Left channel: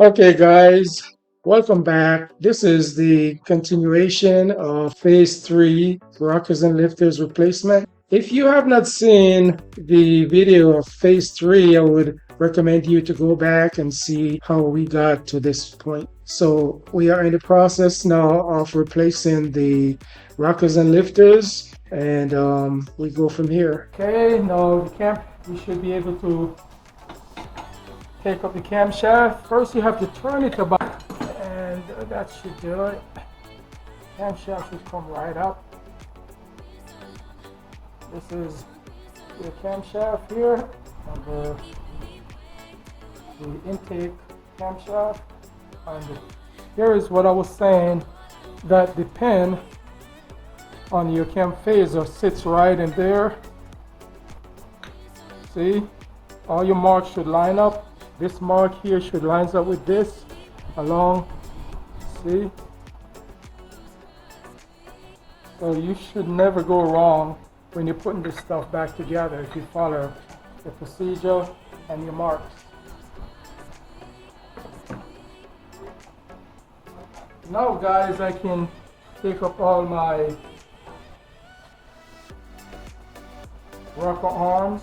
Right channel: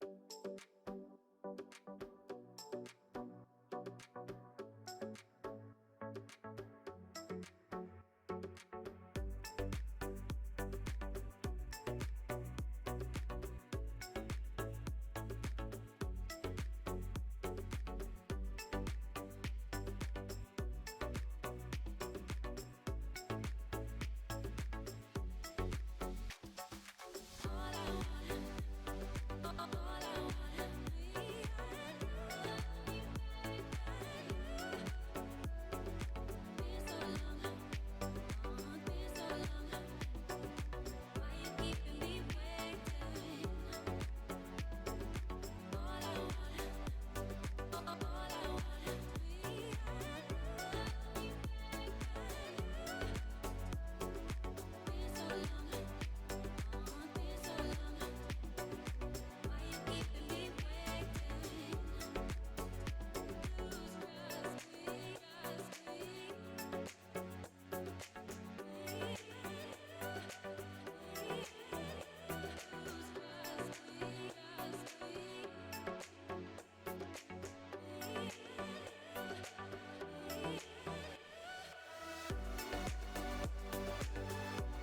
Okay, guys, welcome back. This is the continuation of phase three rockers and lifters replacement. If you have not seen the video of phase three, I would recommend you to go back and see how we got to this point. So, we are in the process now of replacing the rockers and lifters, and we go from here. Okay, now we should be able to take up the camshaft. First you have to turn it about, and that should do it. Camshaft should come right up. This is the camshaft here, and the intake camshaft. And here is what I was saying, that the pin on your cam phaser sits right in there. See, all your marks should line up. This mark here should line up with this along, see? So you should never go wrong when you're putting this stuff back together if you follow the procedure and your marks. Now guys, I can take up all my rocker arms.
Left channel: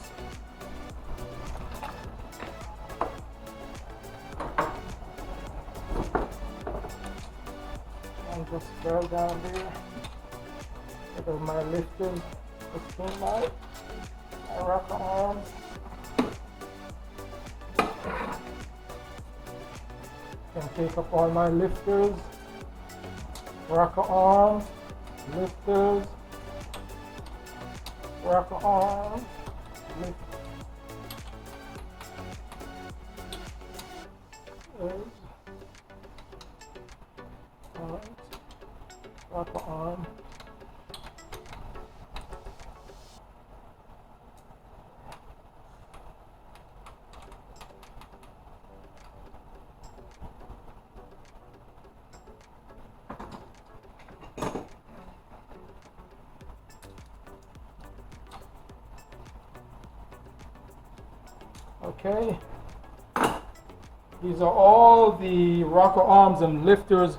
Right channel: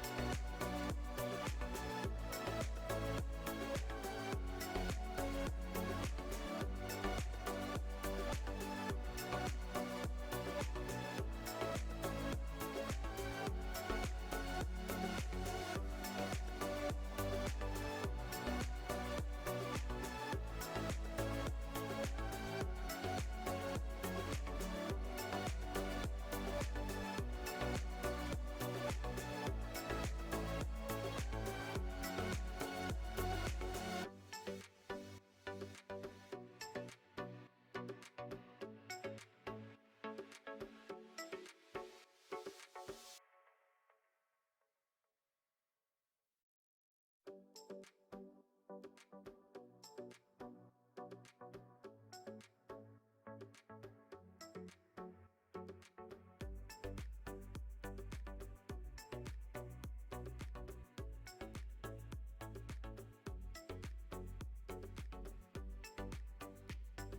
Just throw down here. So my lifters between my rocker arms. Can take up all my lifters, rocker arms, lifters, rocker arms, lifters. Rocker arm. Okay. These are all the rocker arms and lifters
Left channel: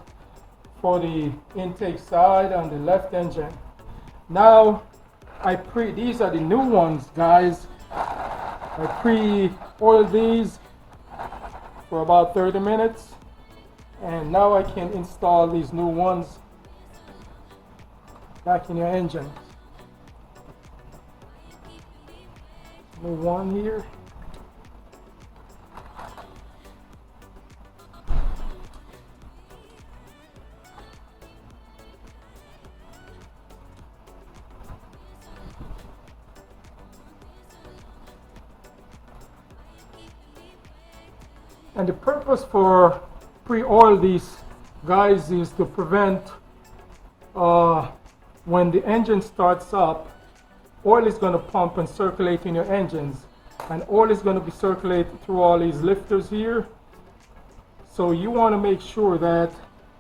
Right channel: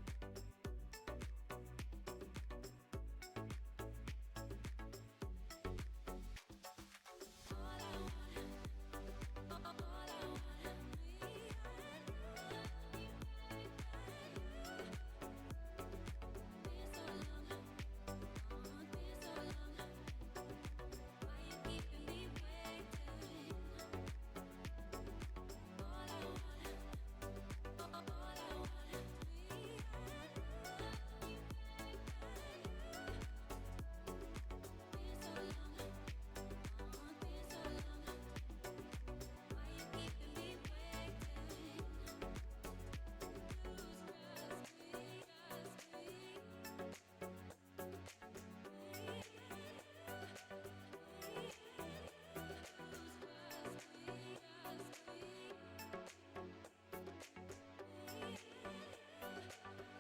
for the intake side on the left engine. Now these are the new ones, guys. I pre-oiled these for about 30 minutes, and now I can install these new ones back in your engine. New one here. And the purpose for pre-oil these guys is to prevent when the engine starts up, oil is going to pump and circulate in your engines, and oil is going to be circulated through all these lifters here. So you want to make sure that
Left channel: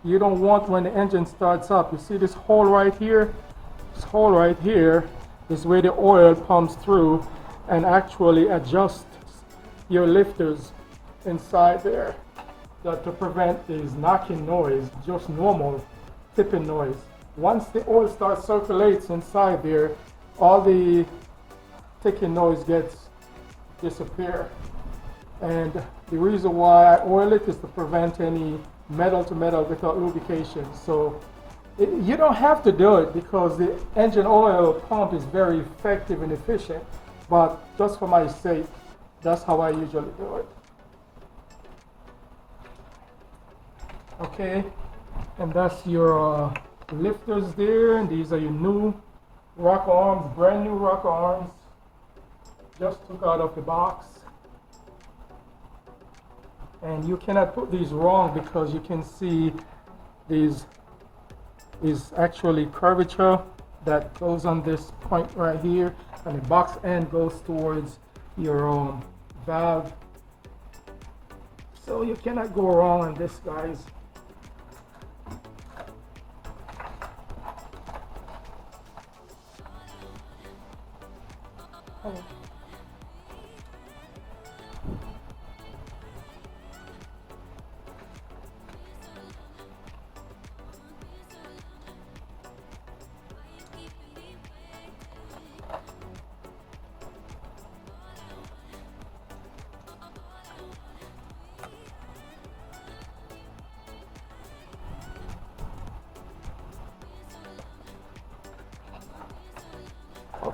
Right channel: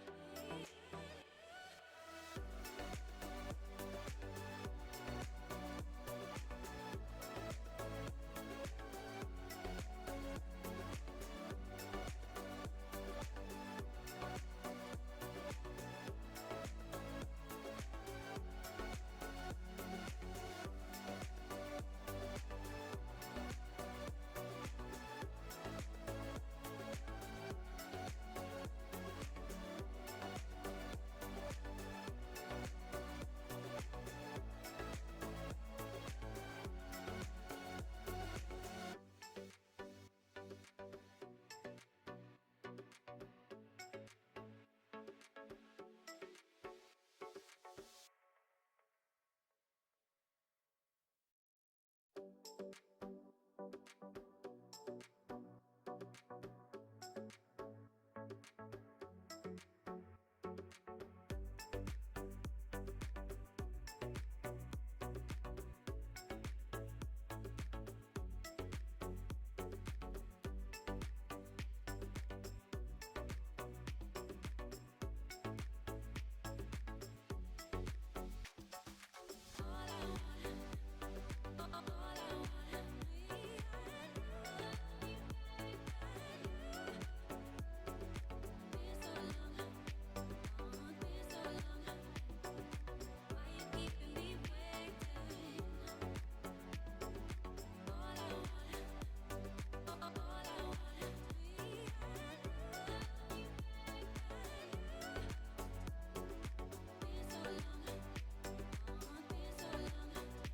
you don't want, when the engine starts up, you see this hole right here? This hole right here is where the oil pumps through and actually adjusts your lifters inside there, to prevent these knocking noise, just normal tipping noise. Once the oil starts circulates inside there, all the ticking noise disappear. And the reason why I oil it is to prevent any metal to metal without lubrication. So you don't have to do it because the engine oil pump is very effective and efficient, but just for my sake, that's how I usually do it. Okay, and that's your lifters there, and these are your new rocker arms, brand new rocker arms, just took out of the box. And you cannot put these wrong because you can see these is actually curvature that goes on this point right here, and the box end goes towards your valve. So you cannot go wrong on this, guys.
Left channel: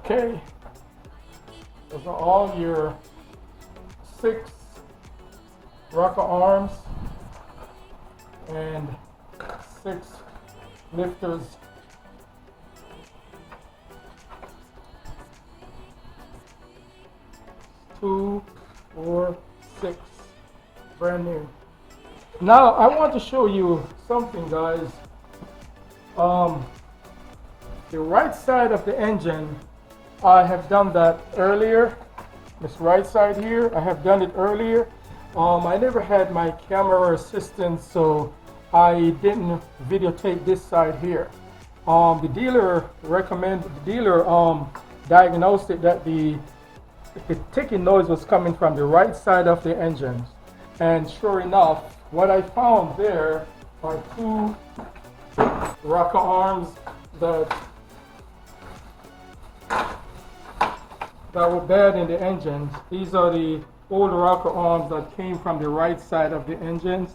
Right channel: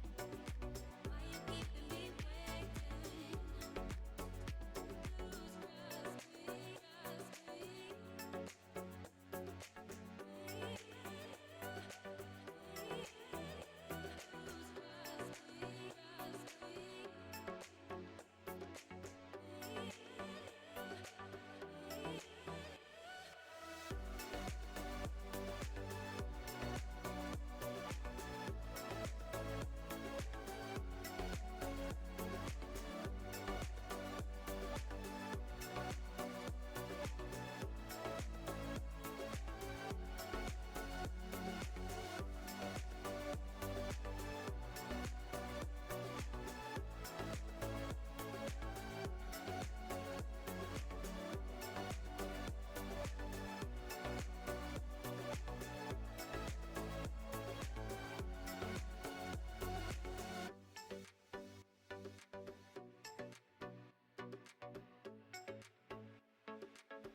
Okay, those are all your 6 rocker arms and 6 lifters. Two, 4, 6, brand new. Now I want to show you something, guys. The right side of the engine, I have done that earlier. This right side here, I have done it earlier. I never had my camera assistant, so I didn't videotape this side here. The dealer diagnosed it that the ticking noise was coming from the right side of the engine. And sure enough, what I found there are 2 rocker arms that were bad in the engines. These are the old rocker arms that came from the right side of the engines.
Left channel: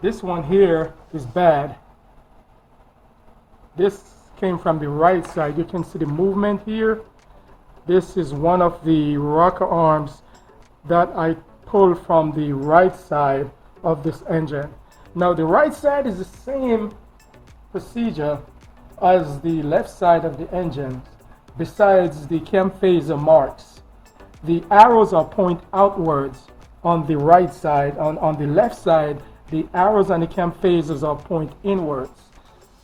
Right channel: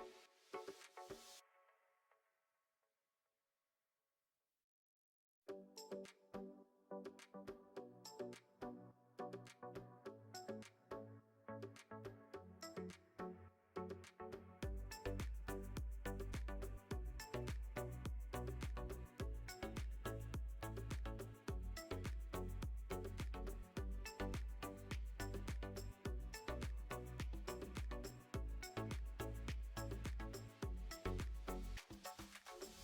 This one here is bad. This came from the right side. You can see the movement here. This is one of the rocker arms that I pulled from the right side of this engine. Now the right side is the same procedure as the left side of the engine, besides the cam phaser marks. The arrows are point outwards on the right side. On the left side, the arrows on the cam phasers are point inwards.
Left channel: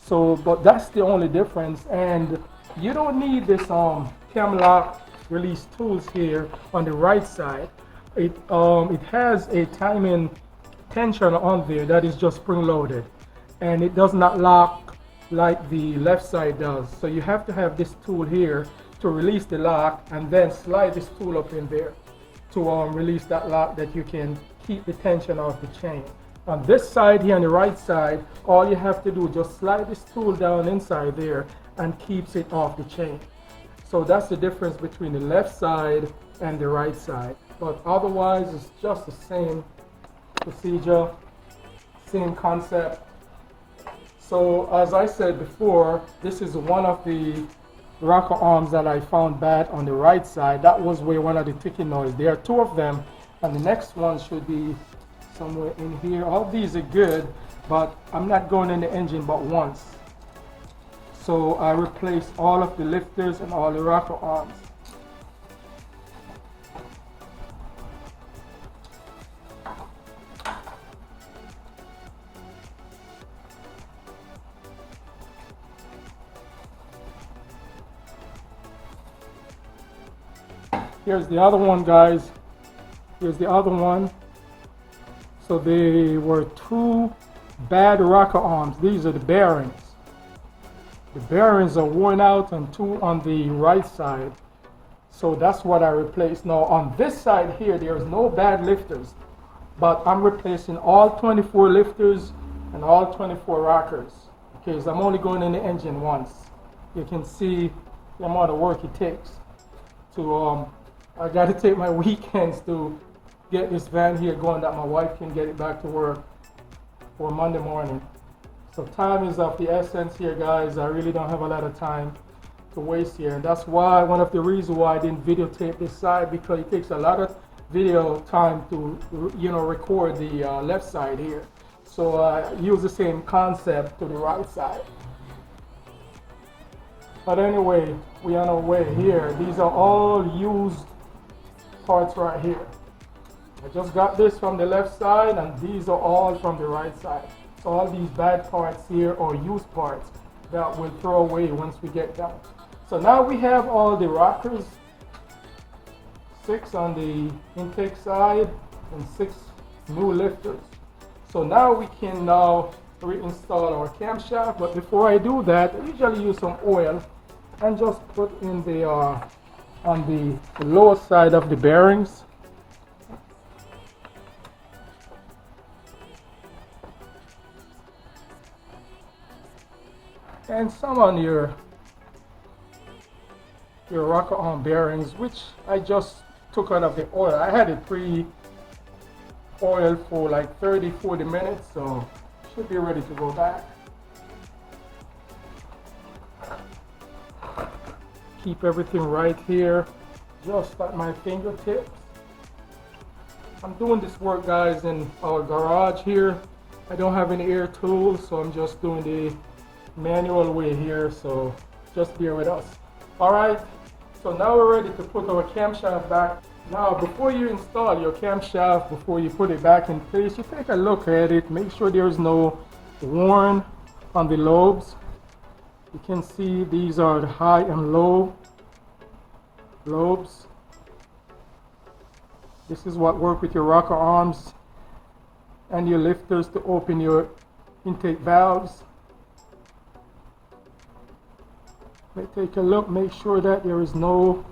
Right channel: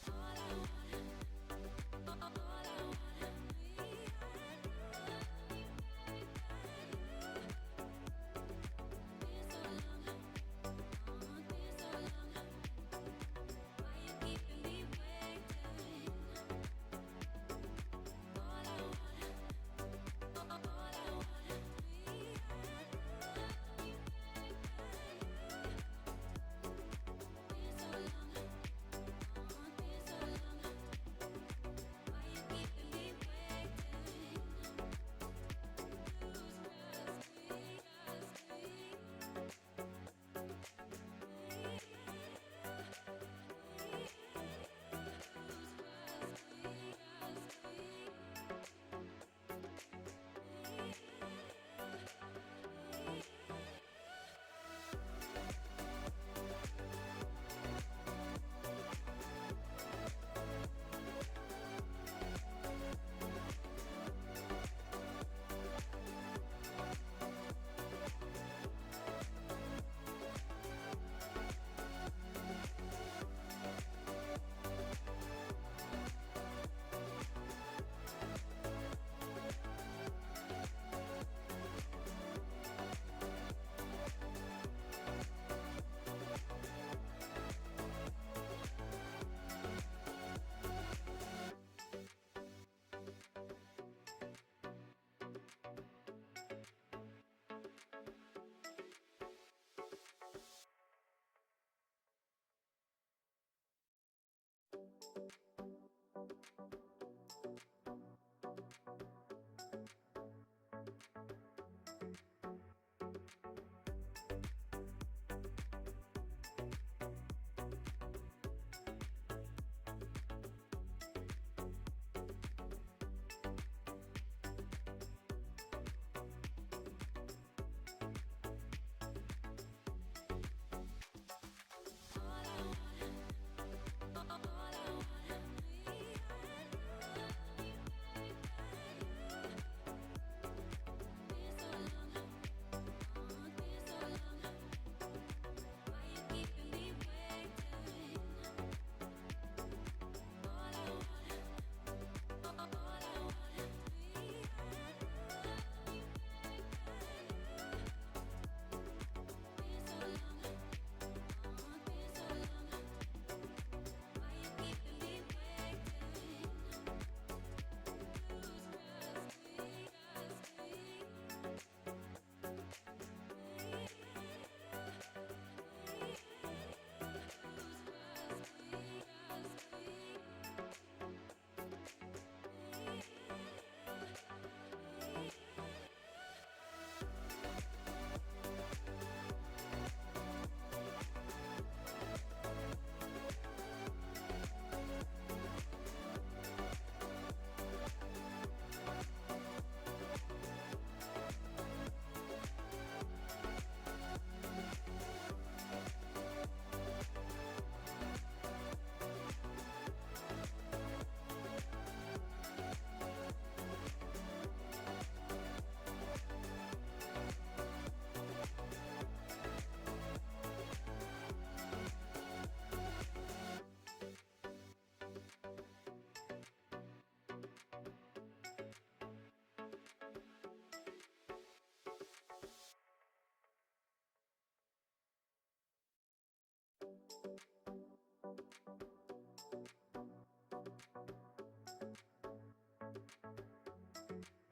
So, but that's the only difference, and you don't need this cam lock release tools here on the right side. It has a timing tension on there that is just spring loaded, and it does not lock like the left side does. So you have to have this tool here to release the lock, and then slide this tool up in there to release that lock, that you can keep the tension off the chain. On this side here, on the right side, all you have to do is just slide this tool down inside there and keeps it off the chain. So that's the difference between the left side and the right side. But otherwise, it's just the same procedure, same concept. So as I said before, this is one of the rocker arms that I found bad on the right side. That was where one of the ticking noise. There are 2 of them, and the next one should be somewhere in here. All these are good, but I'm not going in the engine but once. So I replaced all of the lifters and all the rocker arms. Here's the other one, guys. Here's the other one. So there were 2 bad rocker arms. These are the bearings. The bearings are worn out, and 2 on the right side. So that's what I replaced. Now on this side here, there's no bad lifters, but I'm replacing all 24 lifters and all 24 rockers. Okay, so I'm only going in the engine once. You can see the amount of work it takes to I got to take my weekends to get this van here going, that my wife can get it back to work for Monday morning. So time is of the essence here, guys. I really don't have a lot of time to waste here, and that's why, one of the reasons why I didn't videotape this side, because it takes a lot of video time to record the left side here. So I use the same concept to the right side. But anyway, we are on our way here. These are all used parts right here. I just got this from the left side, and these are all from the right side. So all these bad parts here are used parts that we'll throw away once we get done. So now we have all the rockers, 6 on the intake side and 6 new lifters. So now we can now reinstall our camshaft. But before I do that, I usually use some oil and just put in the on the lower side of the bearings. And some on your rocker arm bearings, which I just took out of the oil. I had it pre-oiled for like 30-40 minutes, so should be ready to go back. keep everything right here, just at my fingertips. I'm doing this work, guys, in our garage here. I don't have any air tools, so I'm just doing the manual way here, so just bear with us. All right, so now we're ready to put our camshaft back. Now, before you install your camshaft, before you put it back in place, you take a look at it, make sure there's no worn on the lobes. You can see these are the high and low lobes. This is what works with your rocker arms and your lifters to open your intake valves. Take a look, make sure that there is no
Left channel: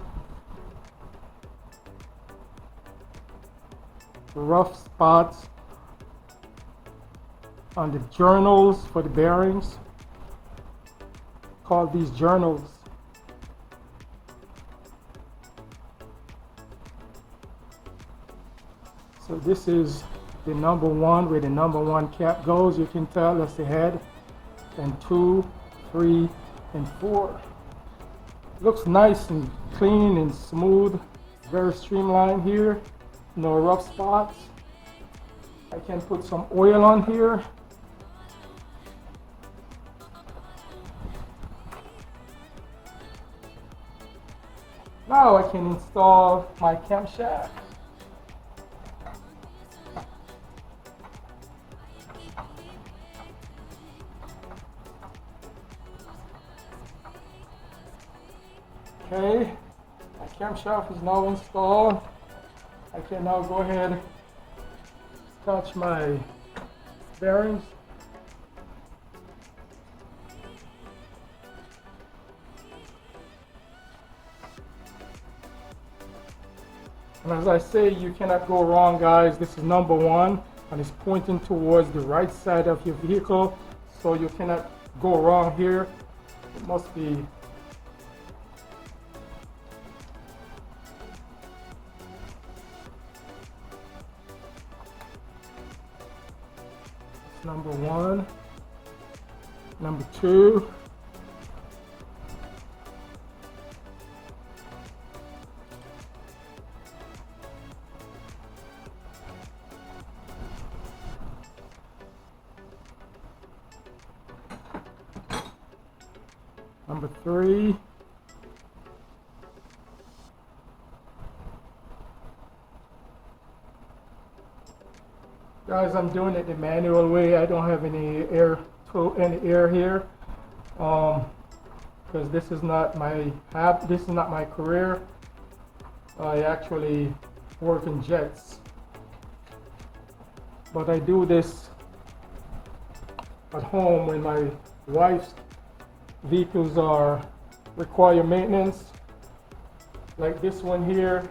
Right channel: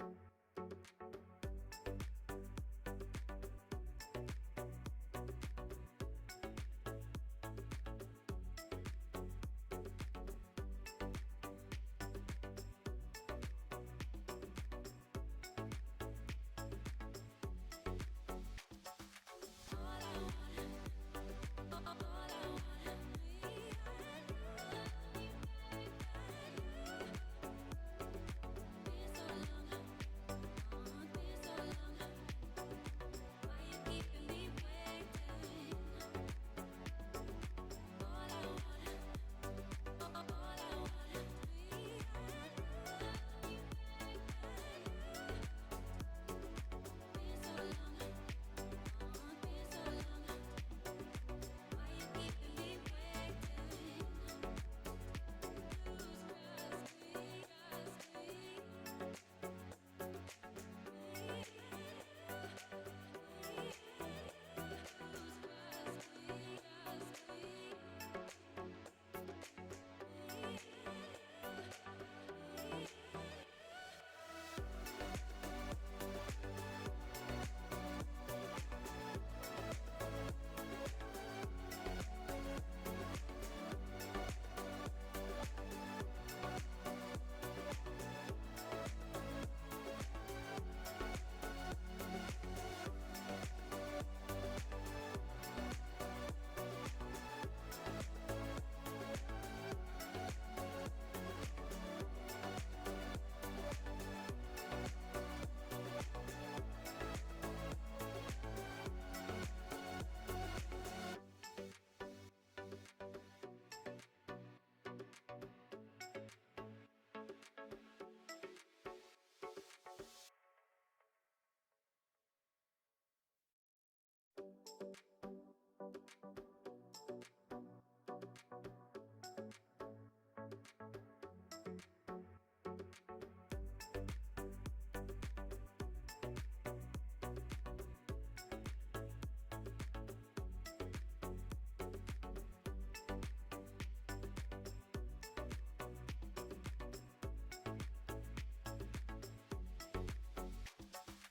rough spots on the journals for the bearings. Call these journals. So this is the number one, where the number one cap goes. You can tell that's the head. And 2, 3, and 4. Looks nice and clean and smooth, very streamlined here, no rough spots. I can put some oil on here. Now I can install my camshaft. Okay, my camshaft is now installed. I can now go ahead and touch my bearings. And as I say, you cannot go wrong, guys. This is number one, and it's pointing towards the right side of your vehicle, so you cannot go wrong here. It must be number one, number two, number 3, guys, I'm doing it the manual way. I don't have any air here, because this is not my career. I actually work in jets, but I do this at home when my wife's vehicles require maintenance. Like this one here,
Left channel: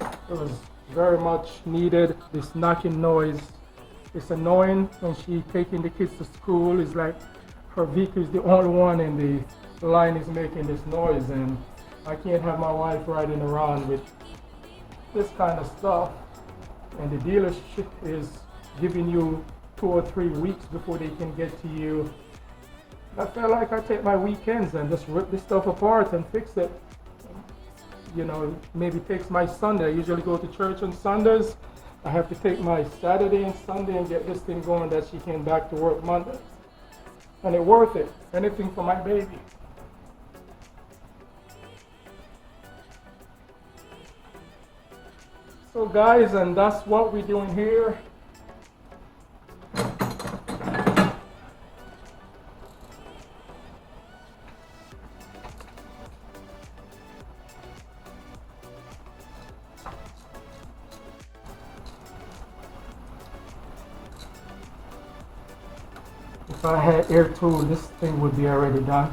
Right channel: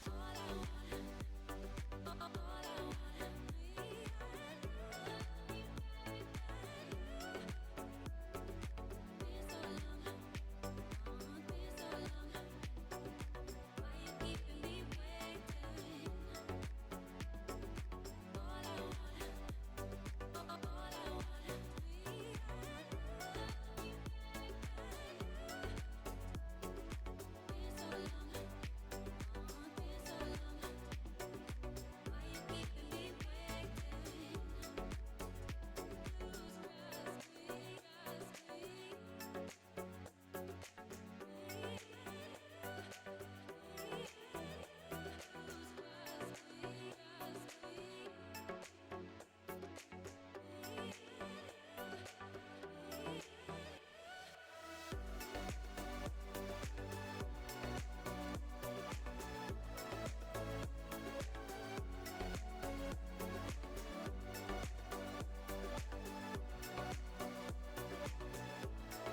it was very much needed. This knocking noise, it's annoying when she taking the kids to school. It's like her vehicle is the only one in the line is making this noise, and I can't have my wife riding around with this kind of stuff. And the dealership is giving you 2 or 3 weeks before they can get to you. I feel like I take my weekends and just rip this stuff apart and fix it. You know, maybe takes my Sunday. I usually go to church on Sundays. I have to take my Saturday and Sunday and get this thing going that she came back to work Monday. And it's worth it. Anything for my baby. So guys, and that's what we're doing here. If I had air tool, this thing would be already done.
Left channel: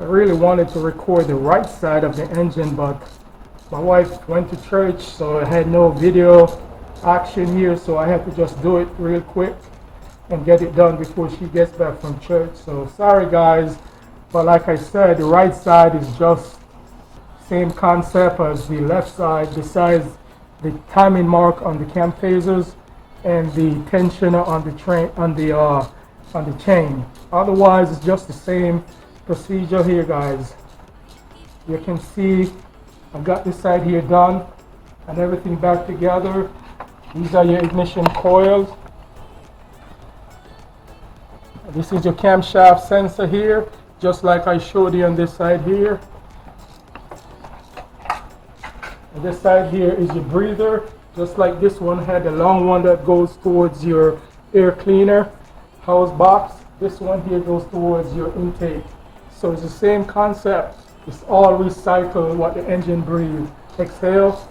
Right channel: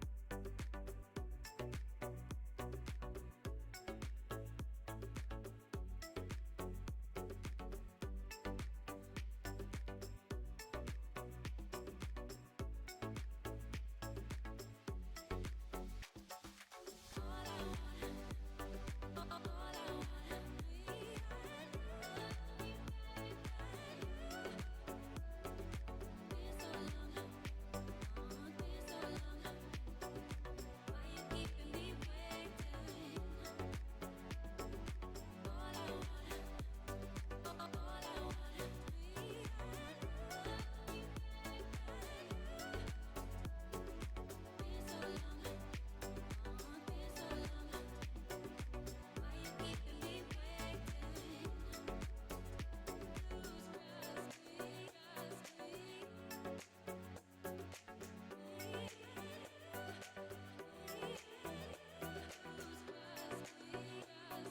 I really wanted to record the right side of the engine, but my wife went to church, so I had no video action here, so I had to just do it real quick and get it done before she gets back from church. So sorry guys, but like I said, the right side is just same concept as the left side, besides the timing mark on the cam phasers and the tensioner on the train on the chain. Otherwise, it's just the same procedure here, guys. You can see I've got this side here done and everything back together. These are your ignition coils. This is your camshaft sensor here, just like I showed you on this side here. And this side here is your breather, just like this one had a long one that goes towards your air cleaner hose box. This one here goes towards your intake. So it's the same concept. It's all recycle what the engine breathes. Exhale.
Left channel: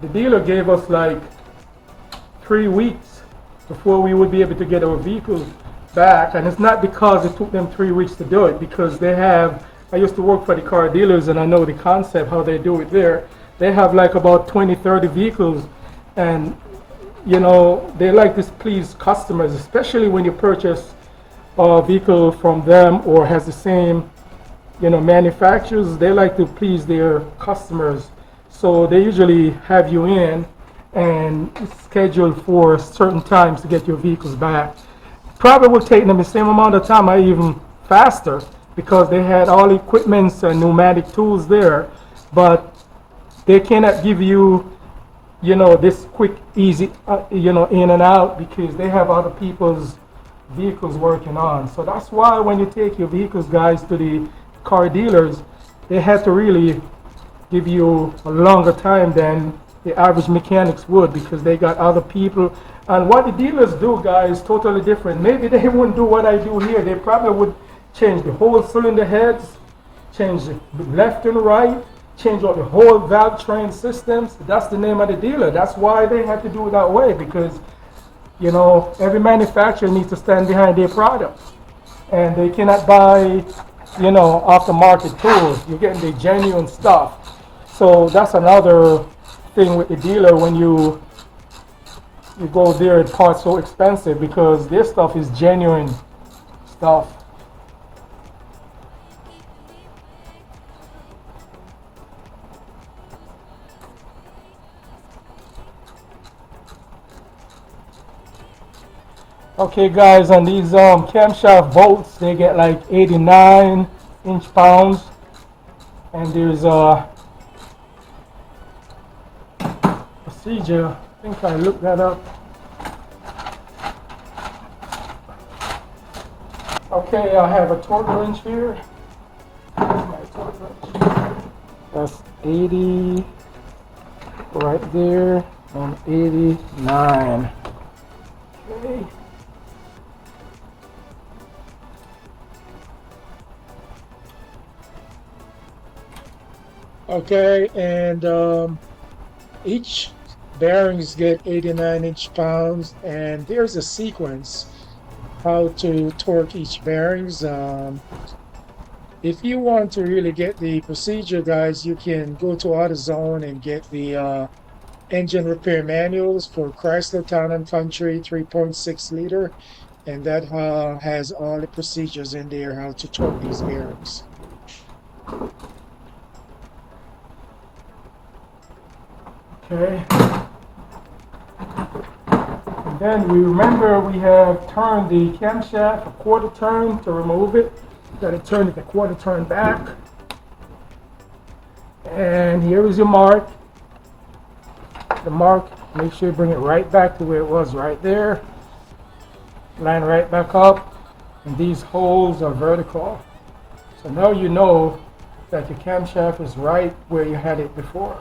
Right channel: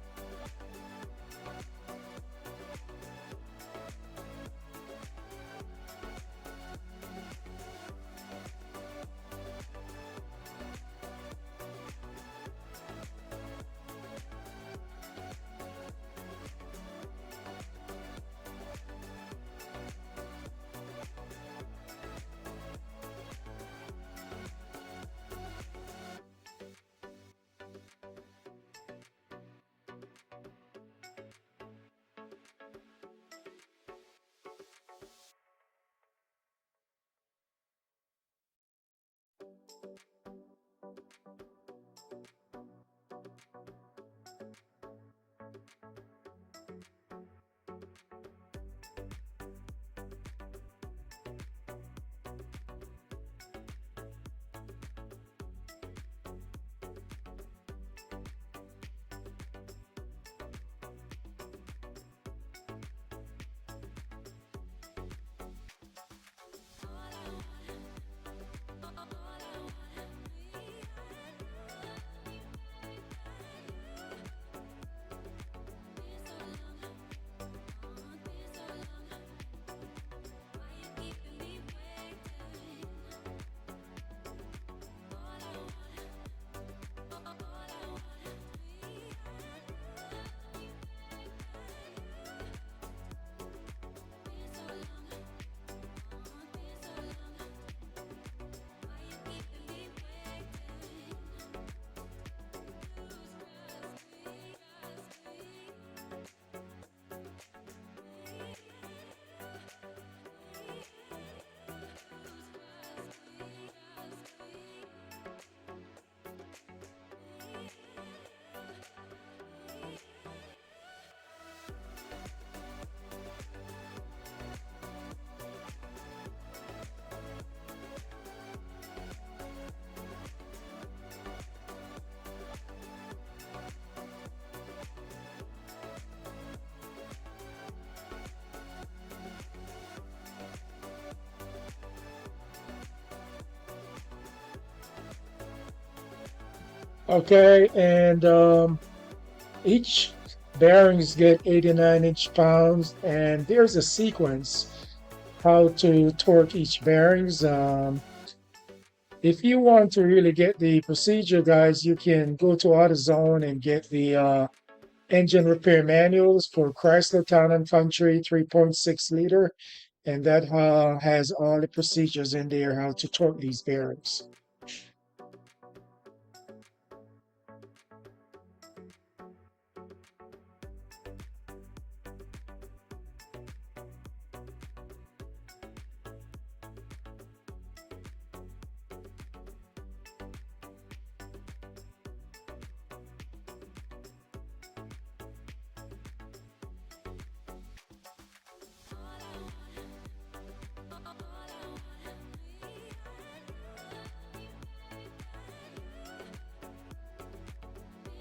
The dealer gave us like 3 weeks before we would be able to get our vehicles back, and it's not because it took them 3 weeks to do it, because they have, I used to work for the car dealers and I know the concept how they do it there. They have like about 20-30 vehicles, and you know, they like to please customers, especially when you purchase a vehicle from them or has the same, you know, manufacturers. They like to please their customers. So they usually have you in and schedule for certain times to get your vehicles back. Probably will take them the same amount of time or even faster, because they had all the equipments and pneumatic tools there, but they cannot give you, you know, this quick, easy, you know, in and out, because they have other people's vehicles working on. So that's why when you take your vehicles, guys, to the car dealers, they have to really give you a longer time than the average mechanics would, because they got other people. And what the dealers do, guys, is totally different. Maybe they wouldn't do what I do here. They probably would change the whole cylinder heads, change the left and right, change out the whole valve train systems. That's the name of the dealer. That's why they have to do it that way, because, you know, every manufacturer needs to stand behind their products, and they cannot buy, you know, off the market tools. You're getting the genuine stuff. So that's another thing with the dealer. When you go there, it's parts so expensive because their stuff is genuine stuff. Okay guys, on these camshaft bolts, they get like 89 inch-pounds, and there's a procedure. I think I looked that up. Okay, I have a torque wrench here. My torque wrench. That's 80 right there, and 89. Okay. Okay, and each bearings get 89 inch-pounds, and there's a sequence how to torque each bearings. If you want to really get the procedure, guys, you can go to AutoZone and get the engine repair manuals for Chrysler Town and Country 3.6 liter, and that has all the procedures in there how to torque these bearings. Okay. And then we remember we have turned the camshaft a quarter turn to remove it. Got to turn it a quarter turn back. And here is your mark. The mark, make sure you bring it right back to where it was, right there. Line right back up. And these holes are vertical. So now you know that the camshaft is right where you had it before.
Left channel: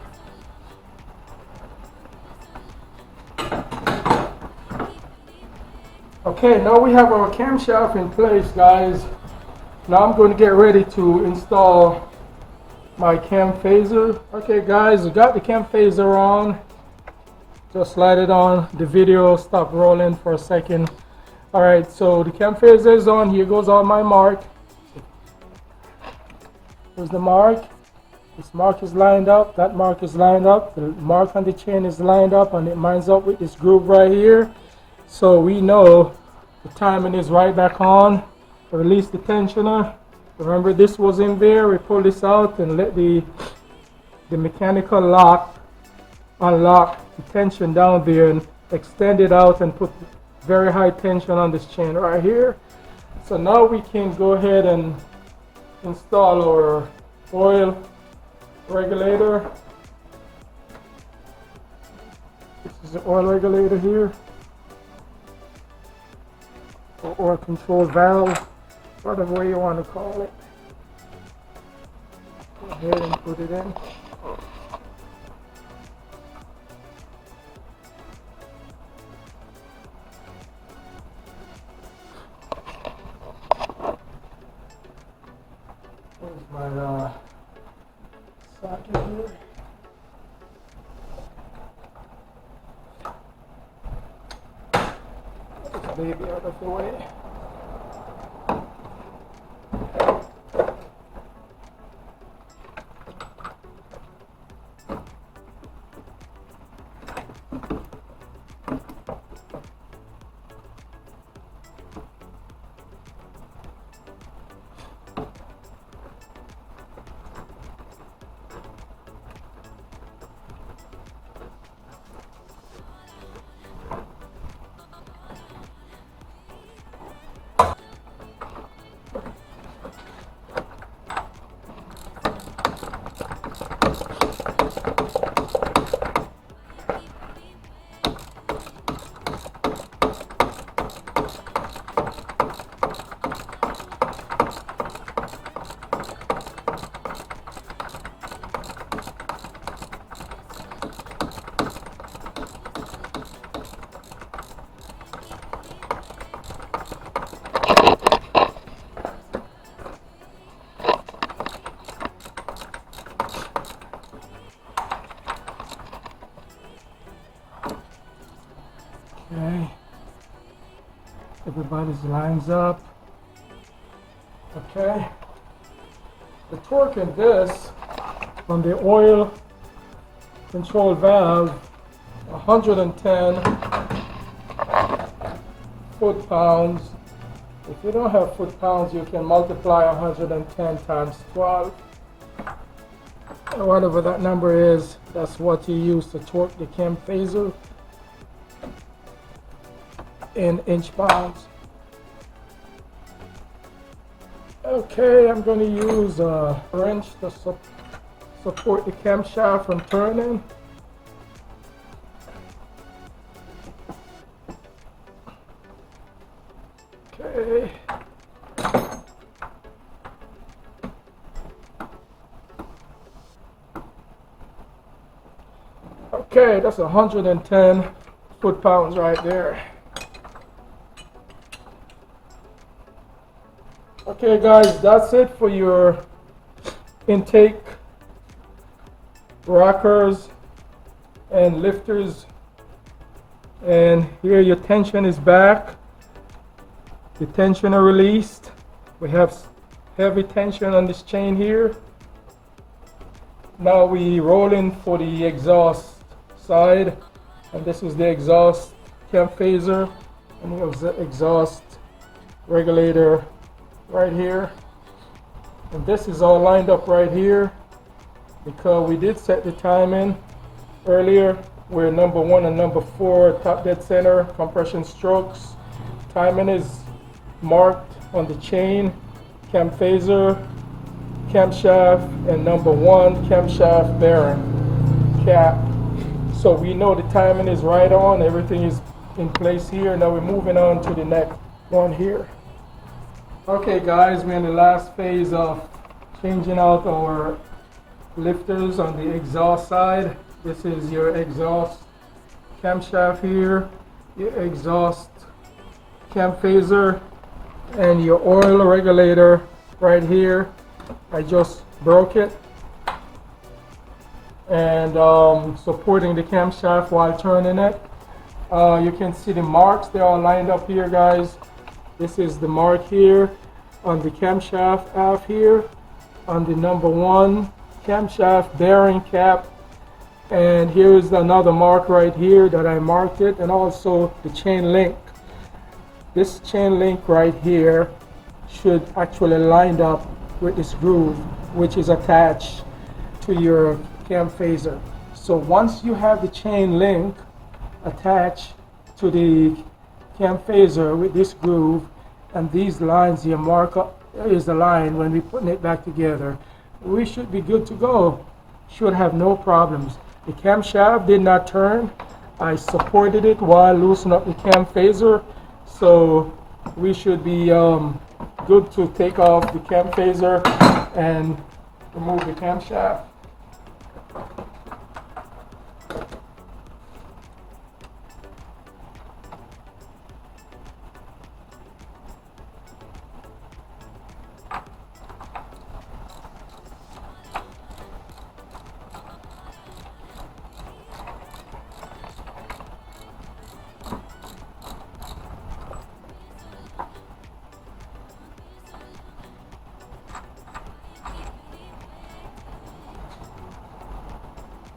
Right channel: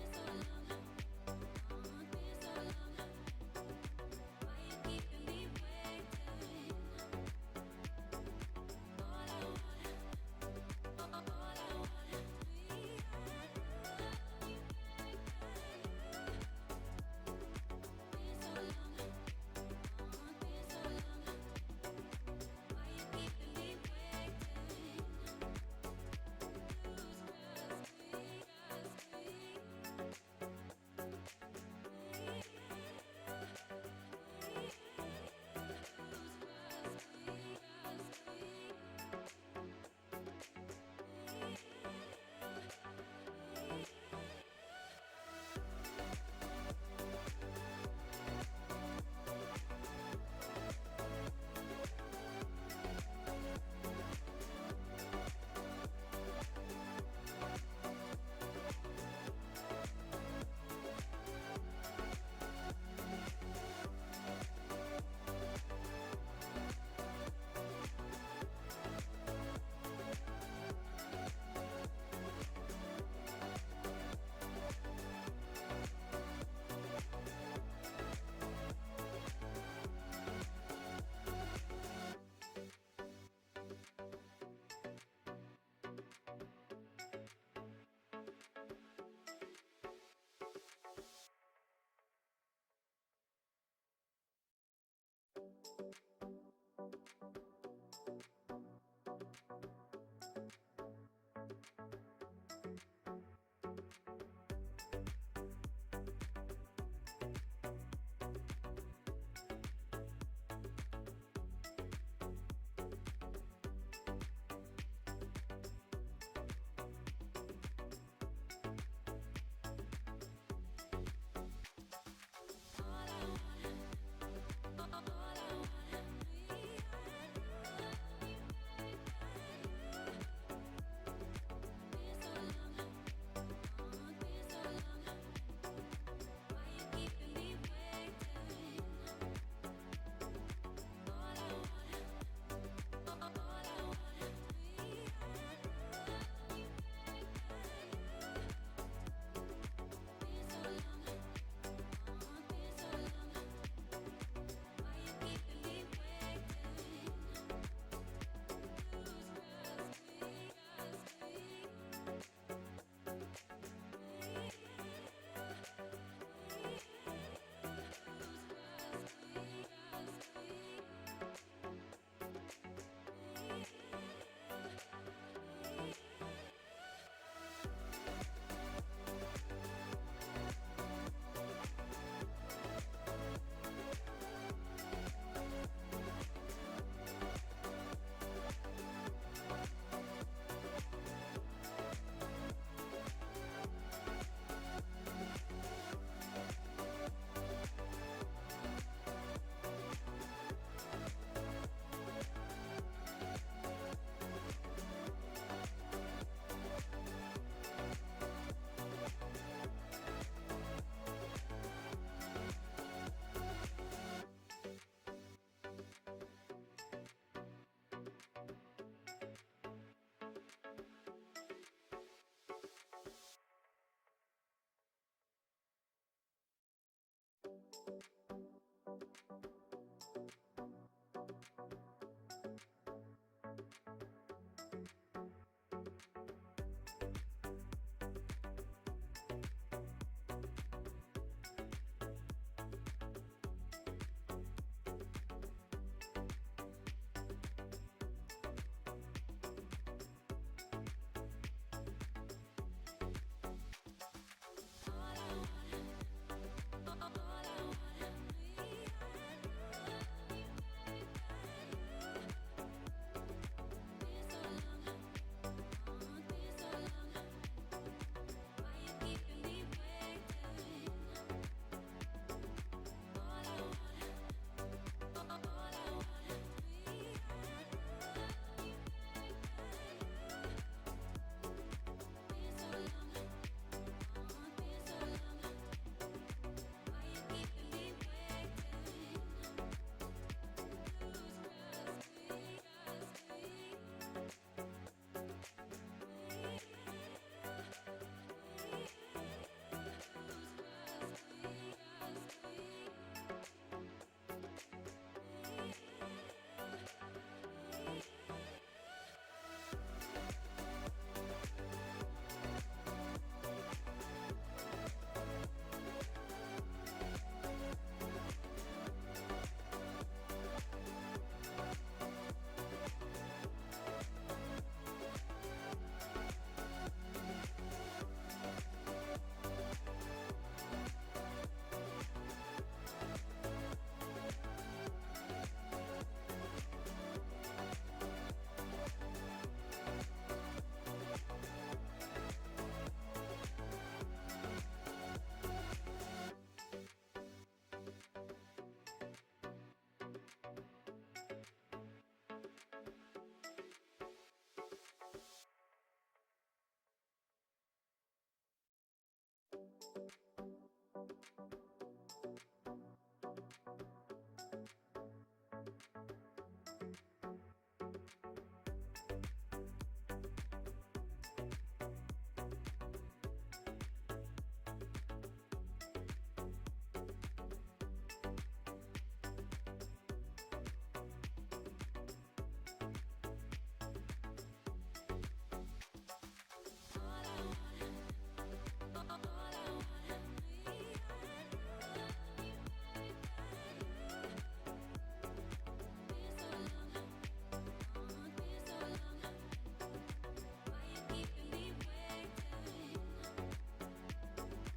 Okay, now we have our camshaft in place, guys. Now I'm going to get ready to install my cam phaser. Okay guys, we got the cam phaser on. Just slide it on. The video stop rolling for a second. Alright, so the cam phaser is on. Here goes all my mark. Here's the mark. This mark is lined up. That mark is lined up. The mark on the chain is lined up, and it lines up with this groove right here. So we know the timing is right back on. Release the tensioner. Remember, this was in there. We pull this out and let the mechanical lock unlock the tension down there and extend it out and put very high tension on this chain right here. So now we can go ahead and install our oil regulator. This is the oil regulator here, or oil control valve, whatever way you want to call it. Go ahead and put it in. There's my socket here. Put this baby out of the way. Okay, everybody's lines up. Okay, the torque in this from the oil control valve, 110 foot-pounds. If you don't have foot-pounds, you can multiply 110 times 12. And whatever that number is, that's what you use to torque the cam phaser in inch-pounds. Okay, I'm going to use a wrench to support the camshaft from turning. Okay. Okay, that's 110 foot-pounds right there. Okay guys, that's it for your intake rockers and lifters. And here your tension is back. The tension are released. We have heavy tension on this chain here. Now we roll in for the exhaust side, and this is the exhaust cam phaser, and we have the exhaust regulator right here, and this is all lined up right here because we did set the timing earlier where number 1 and number 4 top dead center compression strokes. Timing is marked on the chain, cam phaser, camshaft, and number 1 camshaft bearing cap. So we know the timing is right on, everything is in place here. Now we're moving on to the next one here. Okay guys, we're in the last phase of changing out our lifters on the exhaust side. This is your exhaust camshaft here, your exhaust cam phaser, and your oil regulator right here. I just broke it, and supporting the camshaft while turning it. You can see the marks, they're all lined up here, guys. This is the mark here on the camshaft half here, on the number 1 camshaft bearing cap, and here is another mark right here that I marked it, and also the chain link. This chain link right here should actually line up with this groove, which is attached to your cam phaser. So once you have the chain link attached to the cam phaser with this groove, and these lines here mark up, there is the line when we putting it back together, we should be good to go. Should have no problems. The camshaft did not turn. I supported it while loosening up the cam phaser, so we should be good to take off the cam phaser and remove the camshaft.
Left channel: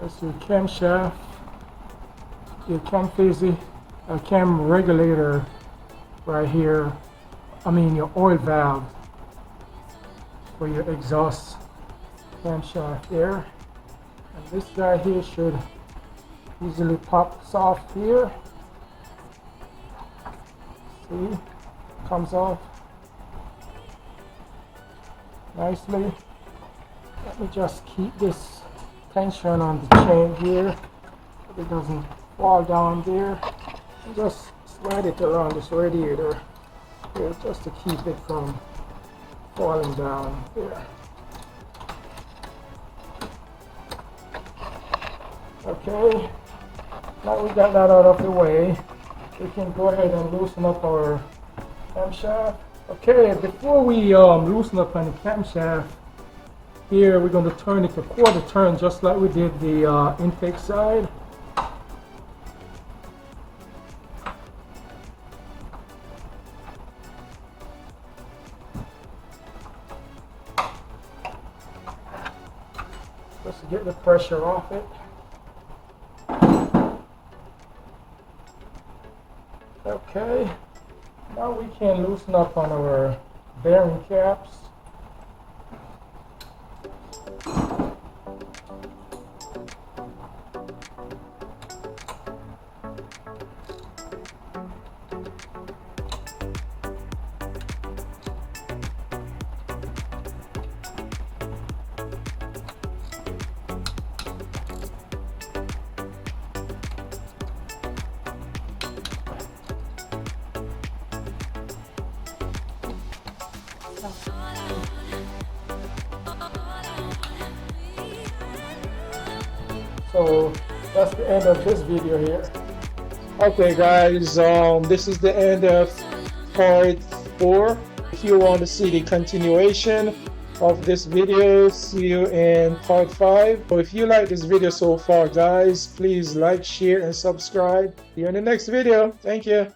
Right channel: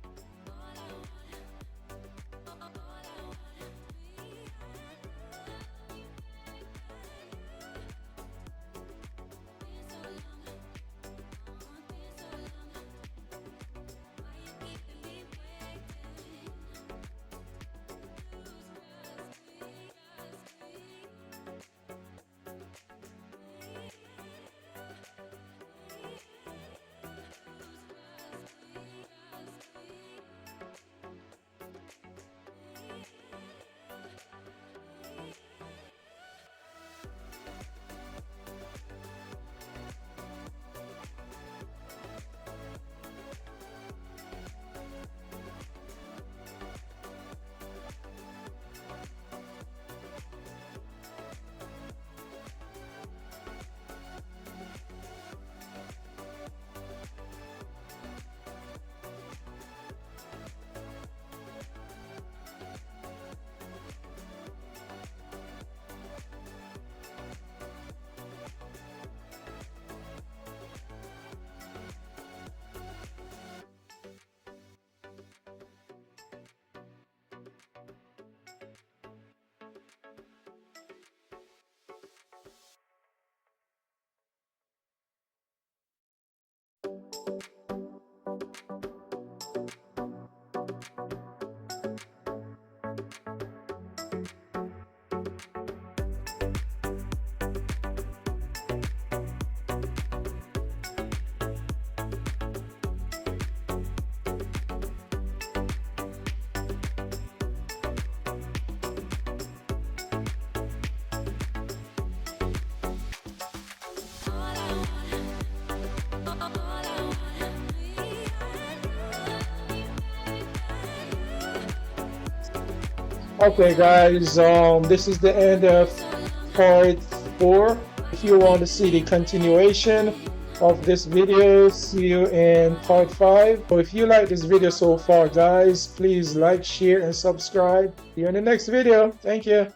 That's your camshaft, your cam phaser, cam regulator right here. I mean your oil valve for your exhaust camshaft there. And this guy here should easily pop off here. See, comes off nicely. Let me just keep this tension on the chain here, so it doesn't fall down there. And just slide it around this radiator here, just to keep it from falling down there. Okay, now we got that out of the way, we can go ahead and loosen up our camshaft. Okay, before we loosen up on the camshaft, here we're going to turn it a quarter turn, just like we did the intake side. Just to get the pressure off it. Okay, now we can loosen up on our bearing caps. So that's the end of this video here. Okay guys, this is the end of part 4. If you want to see the continuation of this video, see you in part 5. So if you like this video so far guys, please like, share and subscribe. See you in the next video. Thank you.